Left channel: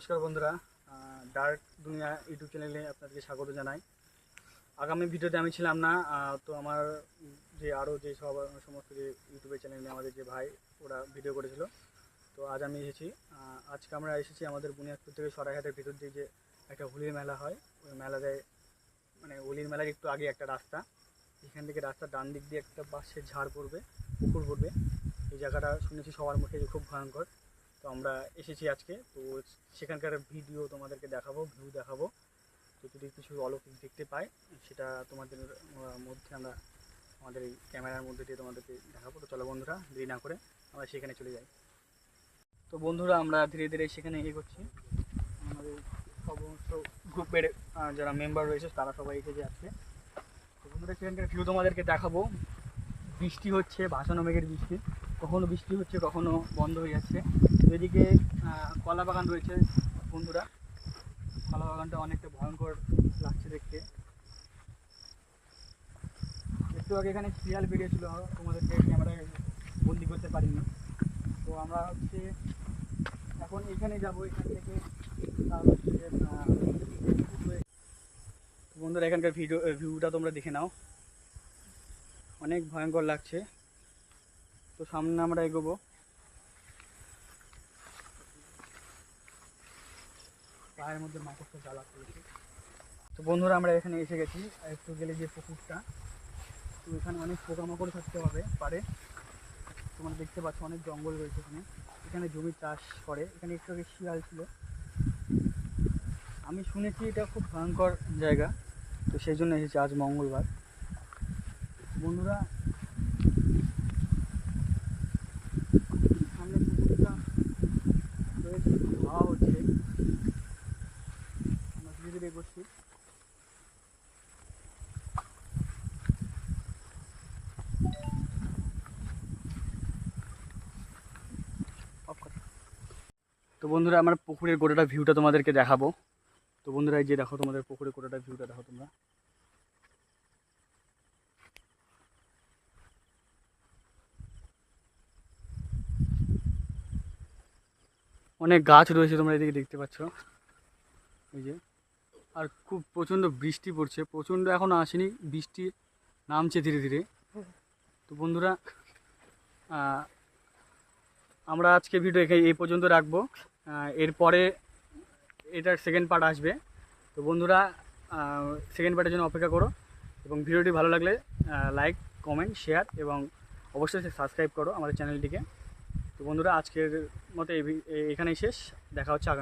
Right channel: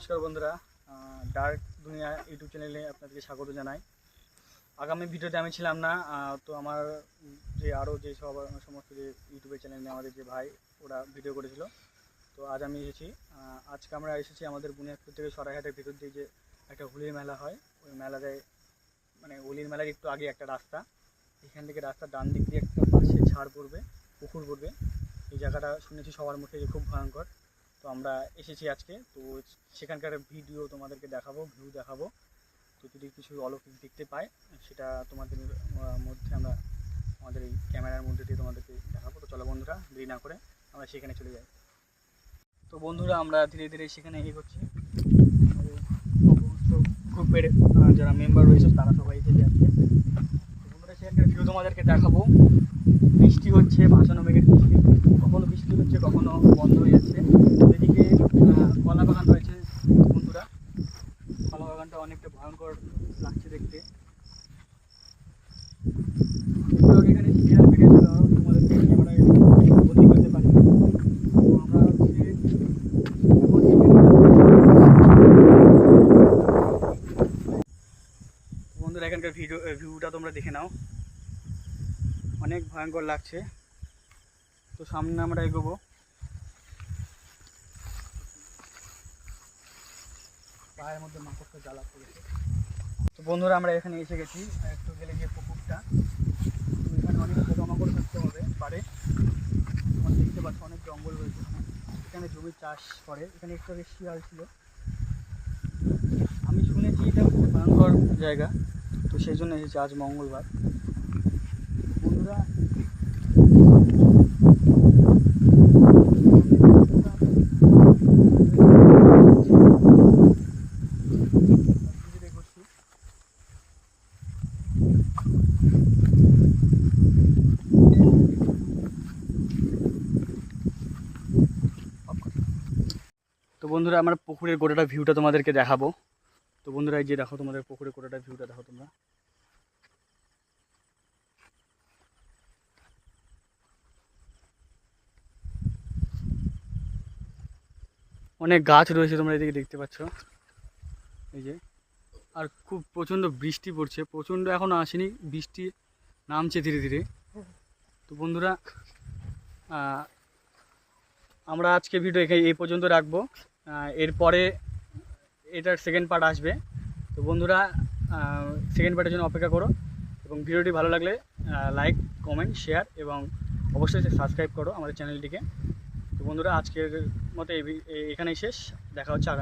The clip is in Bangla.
নমস্কার বন্ধুরা, ডার্ক দুনিয়া ইউটিউব চ্যানেলে আপনাদেরকে স্বাগত জানাই। আগামী ভিডিওতে আমি ছিলাম না, তো আমার যে আরও যে সমস্ত যে ইউটিউবের চ্যানেলে আমাদের যে ভাই ওরা ভিডিও করেছিল, তো আজ আমি এসেছি। আজকে আমরা এসেছি আমাদের বুনিয়াদপুর থেকে সরাইহাটের ভিতর দিয়ে যে একটা হোলির মেলা হয়, ওই মেলাতে মানে হোলির মেলার একটু আগে একটা রাস্তা, এখান থেকে রাস্তার ডান দিক দিয়ে একটা পাশে ঝাড় পড়বে, পুকুর পড়বে। এই জায়গাটা শুনেছি সবার মুখে যে খুব ভয়ঙ্কর। তো আমরা এসেছি আজকে, তো সেখানকার ভিডিও তোমাদেরকে দেখাবো, ভিউ দেখাবো। তো যদি কিছু অলৌকিক দেখতে পাই সেটা তোমাদের মধ্যে আমরা আমাদের এই ক্যামেরার মধ্যে দিয়ে তোমাদেরকে দেখাবো। তো চলো বন্ধুরা, দেরি না করে আমরা সেখানে চলে যাই। তো বন্ধুরা, আমরা ধীরে ধীরে সেখানে এগোচ্ছি। আমাদের সমস্ত গ্রুপের যারা মেম্বার রয়েছে তারা সবাই এসে যাচ্ছে। তো বন্ধুরা, সেখানকার ভিউ তোমাদেরকে দেখাবো। বৃষ্টি হচ্ছে, ভাসানো মেঘের বৃষ্টি, কখনো বৃষ্টি হচ্ছে কখনো বন্ধ হয়ে যাচ্ছে। এদিকে কলা বাগান রয়েছে বন্ধুরা, কলা বাগানটা অনেকটা ভয়ঙ্কর লাগছে দেখতে। একটু আগে এখানে সিরিয়াল বেরিয়েছিল, তোমাদেরকে ক্যামেরায় বন্দি করতে পারি। তো আমরা হচ্ছে এখন এখানে যাবো। বন্ধুরা, এখানকার ভিউটা তোমরা দেখে নাও, অনেক ভয়ঙ্কর লাগছে। তো সামনে আমরা এগোবো। পায়ের মধ্যে মাকড়সা জ্বালা পড়েছে। তো বন্ধুরা, আমরা এখানে এসে গেছি। আর একটু গেলে যে পুকুরটা, তো এখানে অনেক পোকামাকড় থাকতে পারে। তোমরা দেখতে পাচ্ছ অনেক জঙ্গল রয়েছে এখানে। এখানে জমি চাষ করে। এখানে একটু আগে শিয়াল ছিল, আমি শুনেছি এটা খুব ভয়ঙ্কর জায়গা। তো সেই জন্য এসেছি আজ মঙ্গলবার। বন্ধুরা, করছি। তো বন্ধুরা, আমার পুকুরের গোটাটা ভিউটা তোমাদেরকে দেখাবো। তো বন্ধুরা, এই যে দেখো, তোমাদের পুকুরের গোটাটা ভিউটা দেখো তোমরা। অনেক গাছ রয়েছে, তোমরা এদিকে দেখতে পাচ্ছ, এই যে। আর খুব প্রচণ্ড বৃষ্টি পড়ছে, প্রচণ্ড এখনও আসেনি, বৃষ্টি নামছে ধীরে ধীরে। তো বন্ধুরা, আমরা আজকে ভিডিও এই পর্যন্ত রাখবো। এরপরে এটার সেকেন্ড পার্ট আসবে। তো বন্ধুরা, সেকেন্ড পার্টের জন্য অপেক্ষা করো, এবং ভিডিওটি ভালো লাগলে লাইক, কমেন্ট, শেয়ার এবং অবশ্যই সাবস্ক্রাইব করো আমাদের চ্যানেলটিকে। তো বন্ধুরা, আজকের মতো এখানেই শেষ। দেখা হচ্ছে আগামী।